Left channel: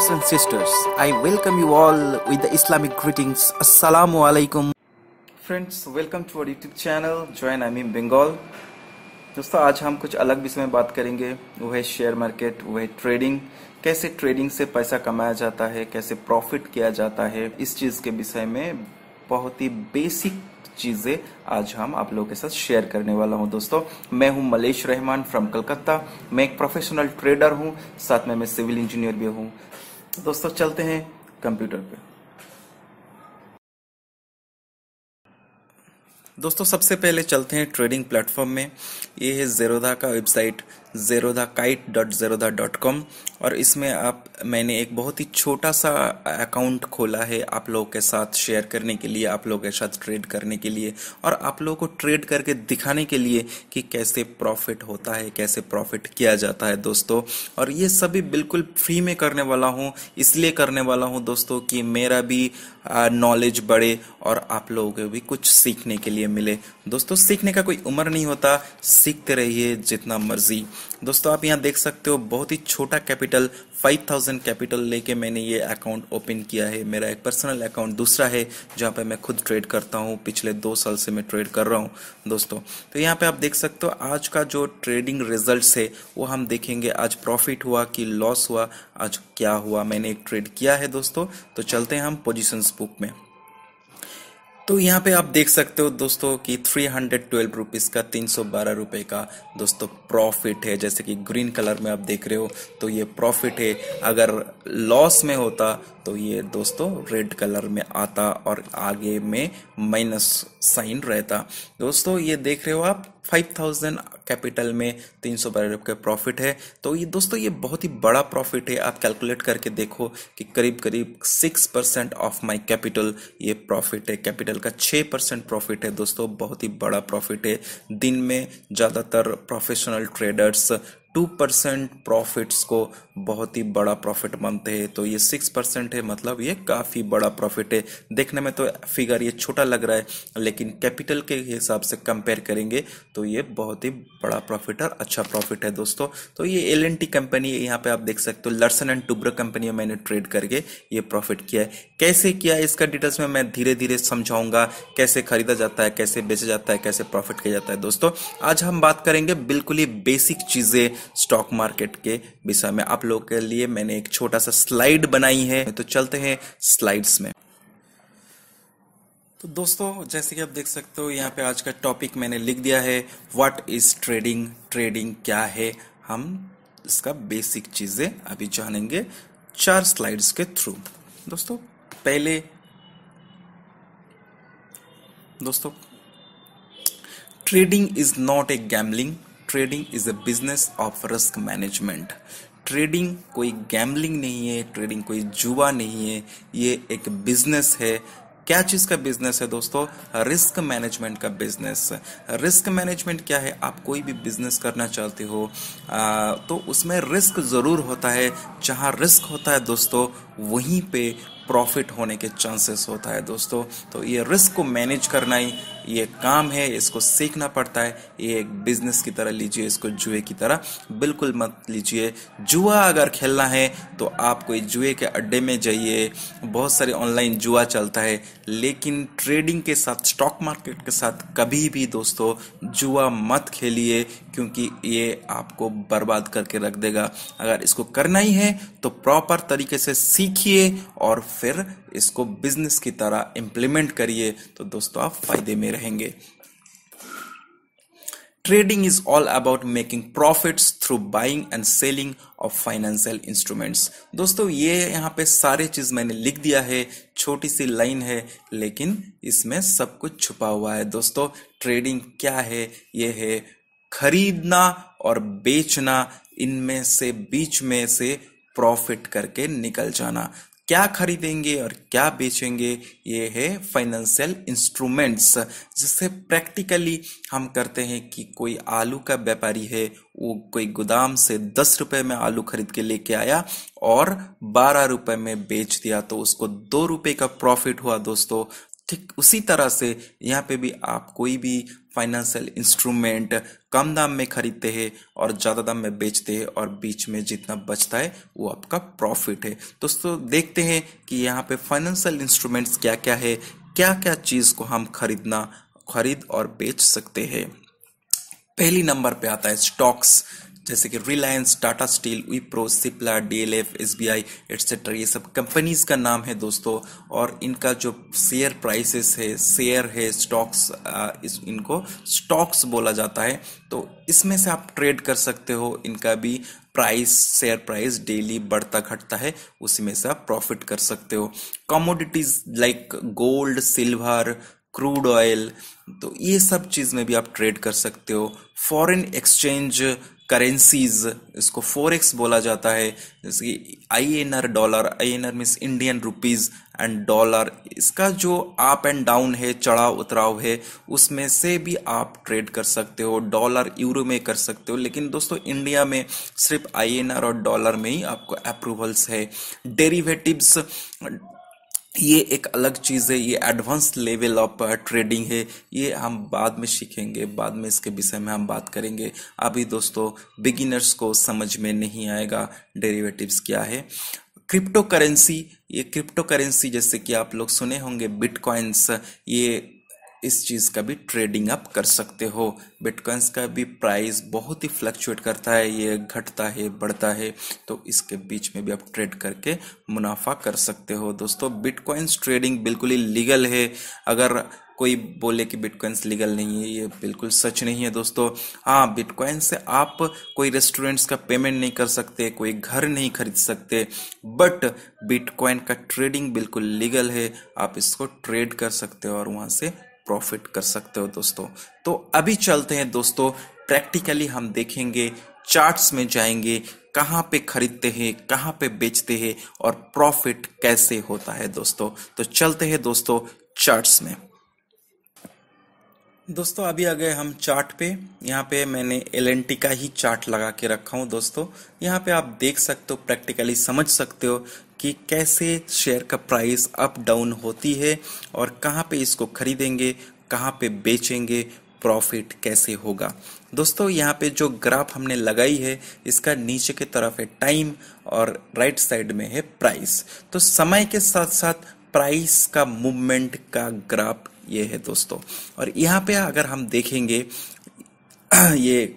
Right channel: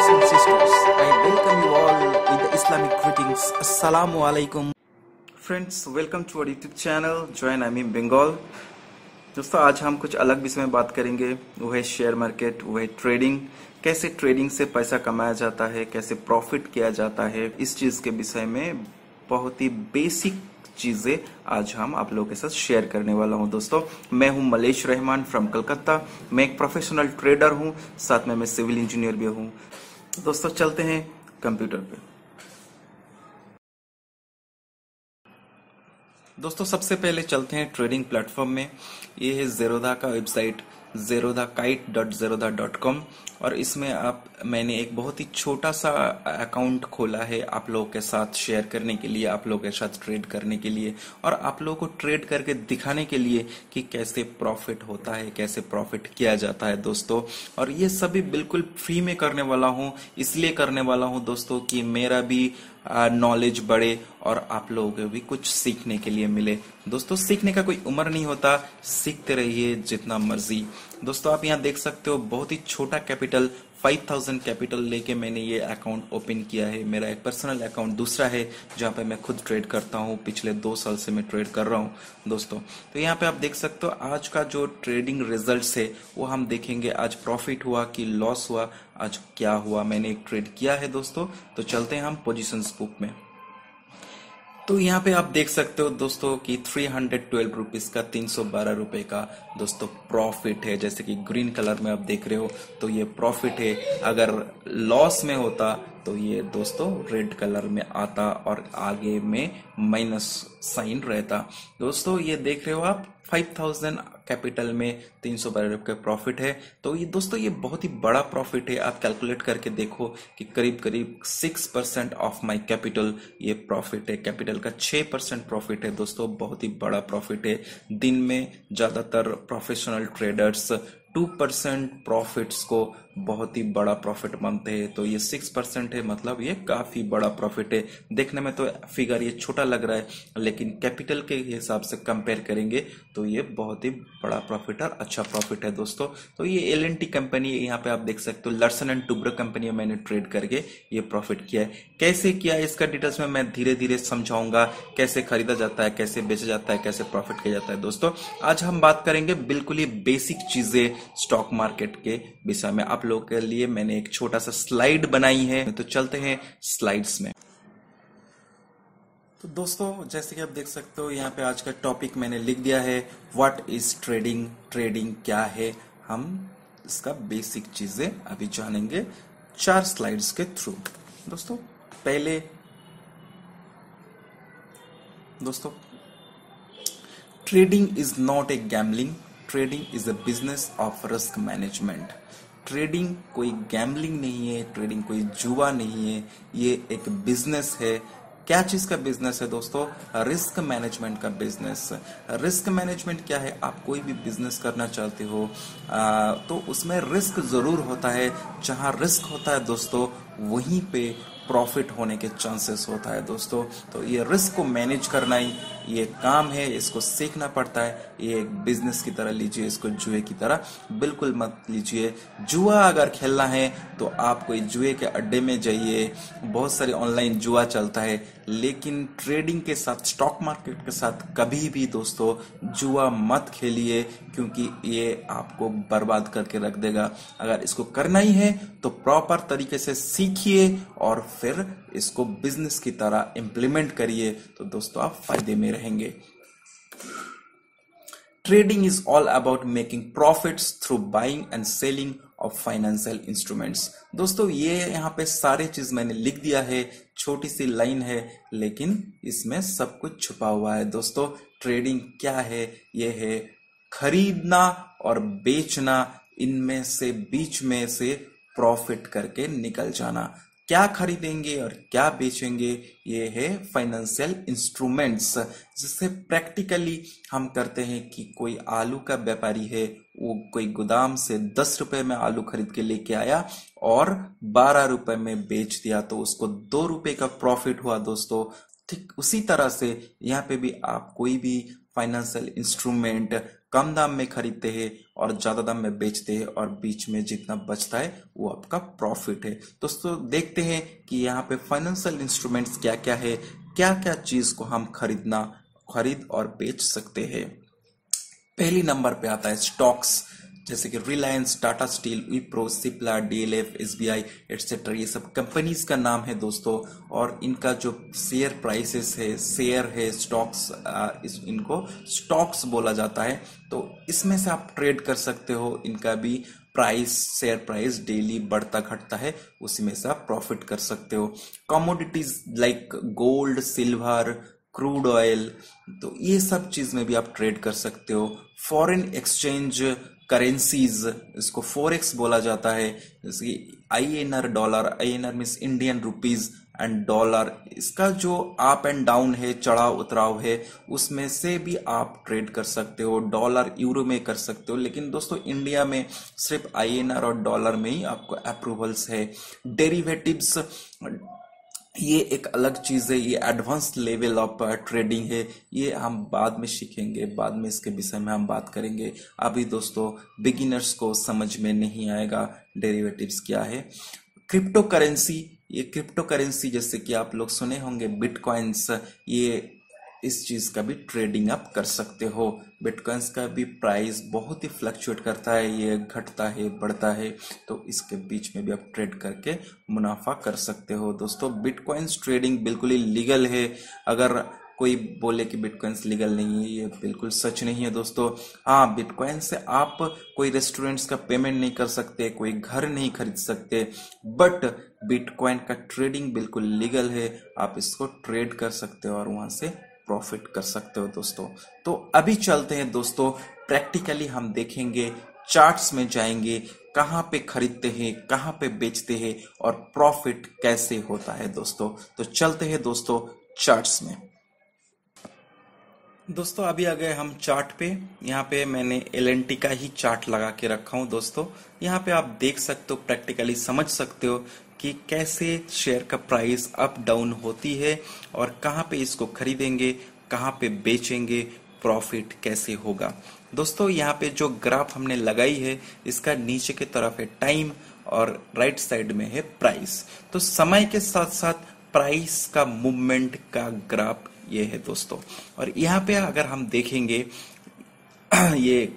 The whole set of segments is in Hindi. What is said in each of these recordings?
brothers and sisters, I welcome you all with the Islamic greetings. Assalamu alaikum. Friends, welcome to our YouTube channel join आमीम बंगाल। दोस्तों, आज हम कुछ अलग विषय में बात करेंगे। वो है शेयर मार्केट, वो है ट्रेडिंग। कैसे ट्रेडिंग से पैसा कमाया जाता है, कैसे प्रॉफिट किया जाता है, इस चीज के विषय में बहुत ही बेसिक चीजें आज हम आप लोगों के साथ शेयर करने वाला हूं। दोस्तों, मैं हूं मलेश रहमान फ्रॉम कलकत्ता। मैं एक प्रोफेशनल ट्रेडर हूं, साथ में मैं सिविल इंजीनियर भी हूं। दोस्तों, चलते हैं कंप्यूटर पे। दोस्तों, सबसे पहले चलते हैं ट्रेडिंग प्लेटफॉर्म में। ये है ज़ेरोधा का वेबसाइट zerodhakite.zerodha.com और इसमें मैंने एक बहुत ही छोटा सा अकाउंट खोला है आप लोगों के साथ शेयर करने के लिए, आप लोगों के साथ ट्रेड करने के लिए और आप लोगों को ट्रेड करके दिखाने के लिए कि कैसे प्रॉफिट होता है, कैसे प्रॉफिट किया जाता है दोस्तों। और ये सभी बिल्कुल फ्री में करने वाला हूँ, इसलिए करने वाला हूँ दोस्तों कि मेरा भी नॉलेज बढ़े और आप लोगों को भी कुछ सीखने के लिए मिले। दोस्तों, सीखने का कोई उम्र नहीं होता, सीखते रहिए जितना मर्जी। दोस्तों, आप यहाँ देख सकते हो बहुत ही छोटा कैपिटल 5000 कैपिटल लेके मैंने ये अकाउंट ओपन किया है। मेरा एक पर्सनल अकाउंट दूसरा है जहाँ पे मैं खुद ट्रेड करता हूँ। पिछले 2 साल से मैं ट्रेड कर रहा हूँ दोस्तों। तो यहाँ पे आप देख सकते हो आज का जो ट्रेडिंग रिजल्ट्स है वो हम देखेंगे। आज प्रॉफिट हुआ कि लॉस हुआ, आज क्या हुआ। मैंने एक ट्रेड किया है दोस्तों। तो चलते हैं हम पोजीशंस बुक में। तो यहाँ पे आप देख सकते हो दोस्तों कि 312 रुपीज का 312 रुपए का दोस्तों प्रॉफिट है। जैसे कि ग्रीन कलर में आप देख रहे हो तो ये प्रॉफिट है। अगर लॉस में होता तो ये दोस्तों रेड कलर में आता और आगे में माइनस साइन रहता। दोस्तों, ये देख रहे हो आप 5000 कैपिटल में 312 रुपए प्रॉफिट है। तो ये दोस्तों ये बहुत ही बड़ा प्रॉफिट है। आप कैलकुलेट करके देखो कि करीब करीब 6% ऑफ माय कैपिटल ये प्रॉफिट है। कैपिटल का 6% प्रॉफिट है दोस्तों, बहुत ही बड़ा प्रॉफिट है। दिन में ज्यादातर प्रोफेशनल ट्रेडर्स 2% प्रॉफिट्स को बहुत ही बड़ा प्रॉफिट मानते हैं। तो ये 6% है, मतलब ये काफी बड़ा प्रॉफिट है। देखने में तो फिगर ये छोटा लग रहा है, लेकिन कैपिटल के हिसाब से कंपेयर करेंगे तो ये बहुत ही बड़ा प्रॉफिट और अच्छा प्रॉफिट है दोस्तों। तो ये एल&टी कंपनी है, यहाँ पे आप देख सकते हो लर्सन एंड टुब्रो कंपनी में मैंने ट्रेड करके ये प्रॉफिट किया है। कैसे किया है इसका डिटेल्स में मैं धीरे धीरे समझाऊंगा। कैसे खरीदा जाता है, कैसे बेचा जाता है, कैसे प्रॉफिट किया जाता है। दोस्तों, आज हम बात करेंगे बिल्कुल ही बेसिक चीजें स्टॉक मार्केट के विषय में। आप लोगों के लिए मैंने एक छोटा सा स्लाइड बनाई है, तो चलते हैं स्लाइड्स में। तो दोस्तों, जैसे कि आप देख सकते हो यहाँ पे आज का टॉपिक मैंने लिख दिया है, व्हाट इज ट्रेडिंग। ट्रेडिंग क्या है, हम इसका बेसिक चीजें अभी जानेंगे 4 स्लाइड्स के थ्रू। दोस्तों, पहले दोस्तों trading is not a gambling, trading is a business of risk management. Trading कोई गैम्बलिंग नहीं है, ट्रेडिंग कोई जुआ नहीं है, ये एक बिजनेस है। क्या चीज का बिजनेस है दोस्तों? रिस्क मैनेजमेंट का बिजनेस। रिस्क मैनेजमेंट क्या है? आप कोई भी बिजनेस करना चाहते हो तो उसमें रिस्क जरूर होता है। जहां रिस्क होता है दोस्तों वहीं पे प्रॉफिट होने के चांसेस होता है दोस्तों। तो ये रिस्क को मैनेज करना ही ये काम है, इसको सीखना पड़ता है। ये एक बिजनेस की तरह लीजिए, इसको जुए की तरह बिल्कुल मत लीजिए। जुआ अगर खेलना है तो आप कोई जुए के अड्डे में जाइए, बहुत सारे ऑनलाइन जुआ चलता है, लेकिन ट्रेडिंग के साथ, स्टॉक मार्केट के साथ कभी भी दोस्तों जुआ मत खेलिए, क्योंकि ये आपको बर्बाद करके रख देगा। अगर इसको करना ही है तो प्रॉपर तरीके से सीखिए और फिर इसको बिजनेस की तरह इंप्लीमेंट करिए, तो दोस्तों आप फायदे में रहेंगे। Trading is all about making profits through buying and selling of financial instruments. दोस्तों, ये यहाँ पे सारे चीज मैंने लिख दिया है, छोटी सी लाइन है लेकिन इसमें सब कुछ छुपा हुआ है। दोस्तों, ट्रेडिंग क्या है? ये है खरीदना और बेचना, इनमें से बीच में से प्रॉफिट करके निकल जाना। क्या खरीदेंगे और क्या बेचेंगे, ये है फाइनेंशियल इंस्ट्रूमेंट्स। जिससे प्रैक्टिकली हम करते हैं कि कोई आलू का व्यापारी है, वो कोई गोदाम से 10 रुपए में आलू खरीद के लेके आया और 12 रुपए में बेच दिया, तो उसको 2 रुपए का प्रॉफिट हुआ दोस्तों। ठीक उसी तरह से यहाँ पे भी आप कोई भी फाइनेंशियल इंस्ट्रूमेंट कम दाम में खरीदते हैं और ज़्यादा दाम में बेचते हैं, और बीच में जितना बचता है वो आपका प्रॉफिट है। दोस्तों देखते हैं कि यहाँ पे फाइनेंशियल इंस्ट्रूमेंट्स क्या क्या है, क्या क्या चीज़ को हम खरीद और बेच सकते हैं। पहली नंबर पे आता है स्टॉक्स, जैसे कि Reliance, Tata steel, Wipro, Cipla, DLF, SBI etcetera. ये सब कंपनीज का नाम है दोस्तों, और इनका जो शेयर प्राइसेस है, शेयर है, स्टॉक्स, इनको स्टॉक्स बोला जाता है। तो इसमें से आप ट्रेड कर सकते हो। इनका भी प्राइस, शेयर प्राइस डेली बढ़ता घटता है, उसी में से आप प्रॉफिट कर सकते हो। Commodities like gold, silver, crude oil, तो ये सब चीज में भी आप ट्रेड कर सकते हो। फॉरेन एक्सचेंज करेंसीज, इसको फॉरेक्स बोला जाता है, जैसे कि INR dollar, INR means Indian rupees and dollar, इसका जो अप एंड डाउन है, चढ़ाव उतराव है, उसमें से भी आप ट्रेड कर सकते हो। डॉलर यूरो में कर सकते हो, लेकिन दोस्तों इंडिया में सिर्फ आईएनआर और डॉलर में ही आपको अप्रूवल्स है। डेरिवेटिव्स, ये एक अलग चीज है, ये एडवांस लेवल ऑफ ट्रेडिंग है, ये हम बाद में सीखेंगे, बाद में इसके विषय में हम बात करेंगे। अभी दोस्तों बिगिनर्स को समझ में नहीं आएगा डेरिवेटिव्स क्या है। क्रिप्टो करेंसी, ये क्रिप्टो करेंसी जैसे कि आप लोग सुने होंगे बिटकॉइंस, ये इस चीज का भी ट्रेडिंग आप कर सकते हो। बिटकॉइंस का भी प्राइस बहुत ही फ्लक्चुएट करता है, ये घटता है, बढ़ता है, तो इसके बीच में भी आप ट्रेड करके मुनाफा कर सकते हो। दोस्तों बिटकॉइंस ट्रेडिंग बिल्कुल ही लीगल है। अगर कोई बोले कि बिटकॉइंस लीगल नहीं है, ये बिल्कुल सच नहीं है दोस्तों। हाँ, बिटकॉइन से आप कोई रेस्टोरेंट्स का पेमेंट नहीं कर सकते, कोई घर नहीं खरीद सकते, बट बिटकॉइन का ट्रेडिंग बिल्कुल लीगल है। आप इसको ट्रेड कर सकते हो और वहां से प्रॉफिट कर सकते हो दोस्तों। तो अभी चलते हैं दोस्तों, प्रैक्टिकली हम देखेंगे, चार्ट्स में जाएंगे, कहां पे खरीदते हैं, कहां पे बेचते हैं और प्रॉफिट कैसे होता है दोस्तों। तो चलते हैं दोस्तों चार्ट्स में। दोस्तों अभी आ गए हम चार्ट पे। यहाँ पे मैंने एलएनटी का ही चार्ट लगा के रखा हूँ दोस्तों। यहाँ पे आप देख सकते हो, प्रैक्टिकली समझ सकते हो कि कैसे शेयर का प्राइस अप डाउन होती है और कहाँ पे इसको खरीदेंगे, कहाँ पे बेचेंगे, प्रॉफिट कैसे होगा। दोस्तों यहाँ पे जो ग्राफ हमने लगाई है, इसका नीचे की तरफ है टाइम और राइट साइड में है प्राइस। तो समय के साथ साथ प्राइस का मूवमेंट का ग्राफ ये है दोस्तों। और यहाँ पे अगर हम देखेंगे ये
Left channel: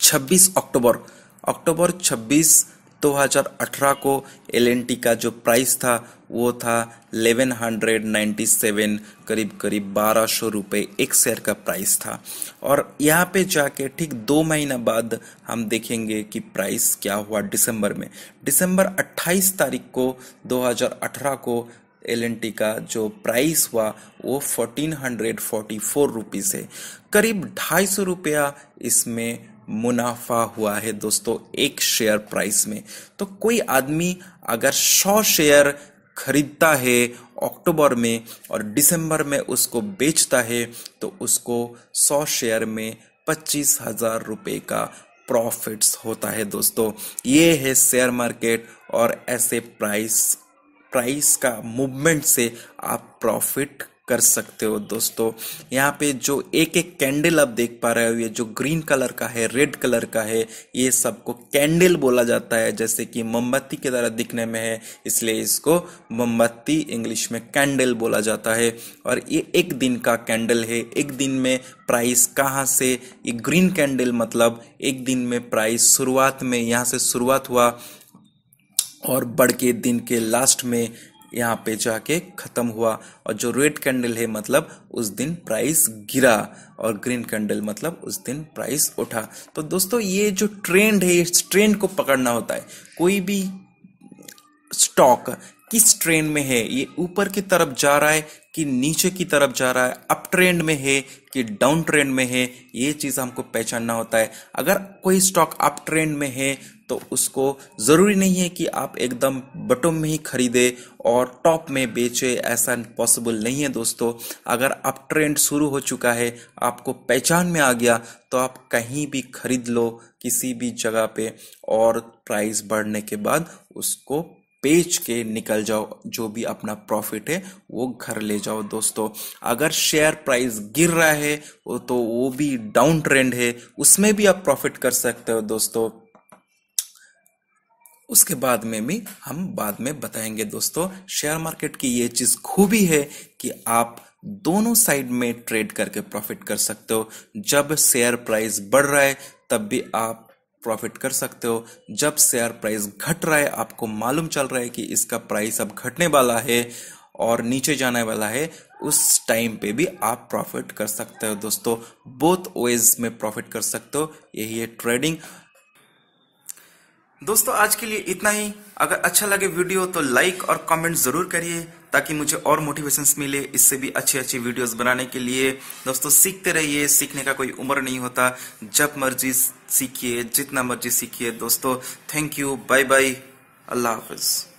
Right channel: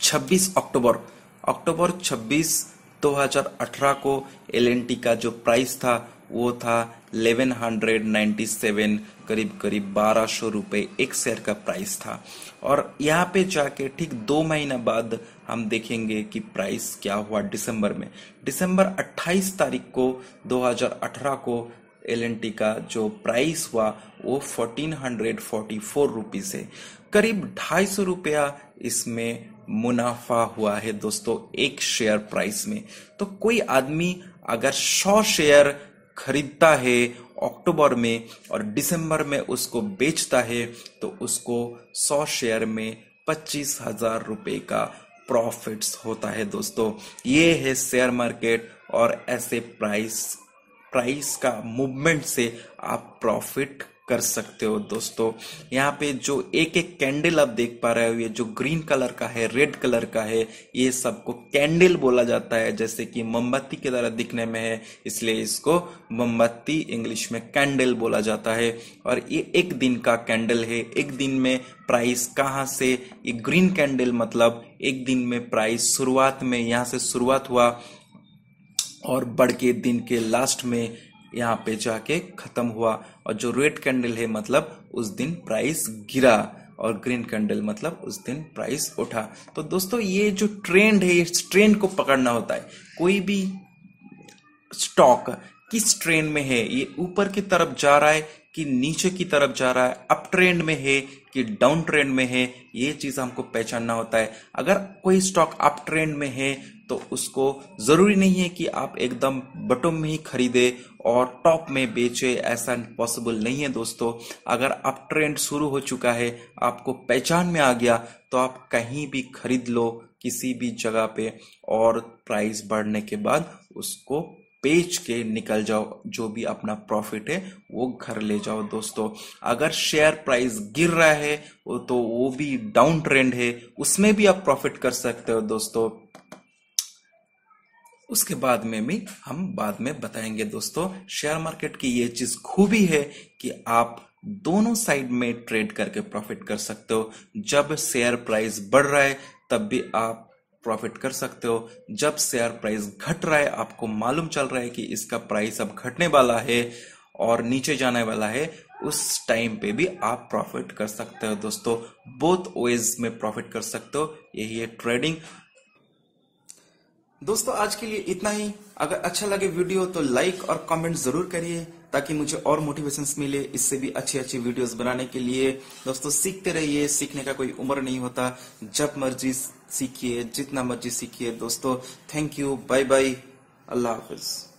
26 अक्टूबर 26 2018 को एलएनटी का जो प्राइस था वो था 1197, करीब 1200 रुपए एक शेयर का प्राइस था। और यहाँ पे जाके ठीक 2 महीना बाद हम देखेंगे कि प्राइस क्या हुआ दिसंबर 28 तारीख को 2018 को एलएनटी का जो प्राइस हुआ वो 1444 रुपीज है। करीब 250 रुपया इसमें मुनाफा हुआ है दोस्तों एक शेयर प्राइस में। तो कोई आदमी अगर 100 शेयर खरीदता है अक्टूबर में और दिसंबर में उसको बेचता है, तो उसको 100 शेयर में 25,000 रुपए का प्रॉफिट्स होता है दोस्तों। ये है शेयर मार्केट, और ऐसे प्राइस का मूवमेंट से आप प्रॉफिट कर सकते हो दोस्तों। यहाँ पे जो एक एक कैंडल आप देख पा रहे हो, ये जो ग्रीन कलर का है, रेड कलर का है, ये सबको कैंडल बोला जाता है। जैसे कि मोमबत्ती की तरह दिखने में है, इसलिए इसको मोमबत्ती इंग्लिश में कैंडल बोला जाता है। और ये एक दिन का कैंडल है। एक दिन में प्राइस कहाँ से, ये ग्रीन कैंडल मतलब एक दिन में प्राइस शुरुआत में यहाँ से शुरुआत हुआ और बढ़ के दिन के लास्ट में यहाँ पे जाके खत्म हुआ। और जो रेड कैंडल है मतलब उस दिन प्राइस गिरा, और ग्रीन कैंडल मतलब उस दिन प्राइस उठा। तो दोस्तों ये जो ट्रेंड है, इस ट्रेंड को पकड़ना होता है। कोई भी स्टॉक किस ट्रेंड में है, ये ऊपर की तरफ जा रहा है कि नीचे की तरफ जा रहा है, अप ट्रेंड में है कि डाउन ट्रेंड में है, ये चीज हमको पहचानना होता है। अगर कोई स्टॉक अप ट्रेंड में है तो उसको जरूरी नहीं है कि आप एकदम बॉटम में ही खरीदे और टॉप में बेचे, ऐसा पॉसिबल नहीं है दोस्तों। अगर अप ट्रेंड शुरू हो चुका है, आपको पहचान में आ गया, तो आप कहीं भी खरीद लो किसी भी जगह पे, और प्राइस बढ़ने के बाद उसको बेच के निकल जाओ, जो भी अपना प्रॉफिट है वो घर ले जाओ दोस्तों। अगर शेयर प्राइस गिर रहा है तो वो भी डाउन ट्रेंड है, उसमें भी आप प्रॉफिट कर सकते हो दोस्तों। उसके बाद में भी हम बाद में बताएंगे दोस्तों। शेयर मार्केट की ये चीज खूबी है कि आप दोनों साइड में ट्रेड करके प्रॉफिट कर सकते हो। जब शेयर प्राइस बढ़ रहा है तब भी आप प्रॉफिट कर सकते हो, जब शेयर प्राइस घट रहा है, आपको मालूम चल रहा है कि इसका प्राइस अब घटने वाला है और नीचे जाने वाला है, उस टाइम पे भी आप प्रॉफिट कर सकते हो दोस्तों। बोथ वेज में प्रॉफिट कर सकते हो, यही है ट्रेडिंग। दोस्तों आज के लिए इतना ही। अगर अच्छा लगे वीडियो तो लाइक और कमेंट जरूर करिए ताकि मुझे और मोटिवेशंस मिले इससे भी अच्छी अच्छी वीडियोस बनाने के लिए। दोस्तों सीखते रहिए, सीखने का कोई उम्र नहीं होता, जब मर्जी सीखिए, जितना मर्जी सीखिए दोस्तों। थैंक यू, बाय बाय, अल्लाह हाफिज।